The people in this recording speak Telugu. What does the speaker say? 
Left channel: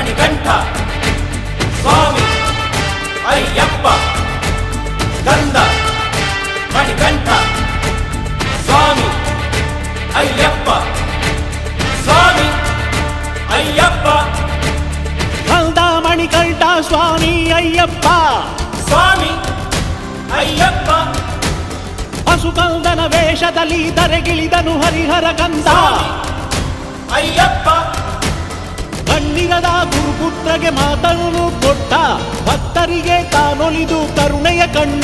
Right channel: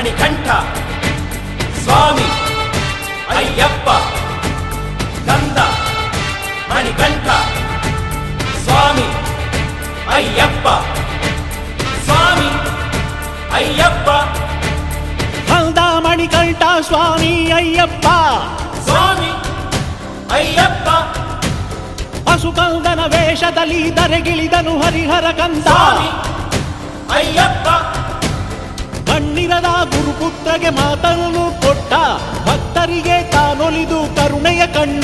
మణికంఠ స్వామి అయ్యప్ప గంధ మణికంఠ స్వామి అయ్యప్ప స్వామి అయ్యప్ప. గంధ మణికంఠ స్వామి అయ్యప్ప. స్వామి అయ్యప్ప. పశుకందన ವೇಷದಲ್ಲಿ ಧರೆಗಿಳಿದನು ಹರಿಹರ ಕಂದ ಕಣ್ಣಿರದ ಗುರುಪುತ್ರಗೆ ಮಾತನ್ನು ಕೊಟ್ಟ ಭಕ್ತರಿಗೆ ತಾನೊಲಿದು ಕರುಣೆಯ ಅಯ್ಯಪ್ಪ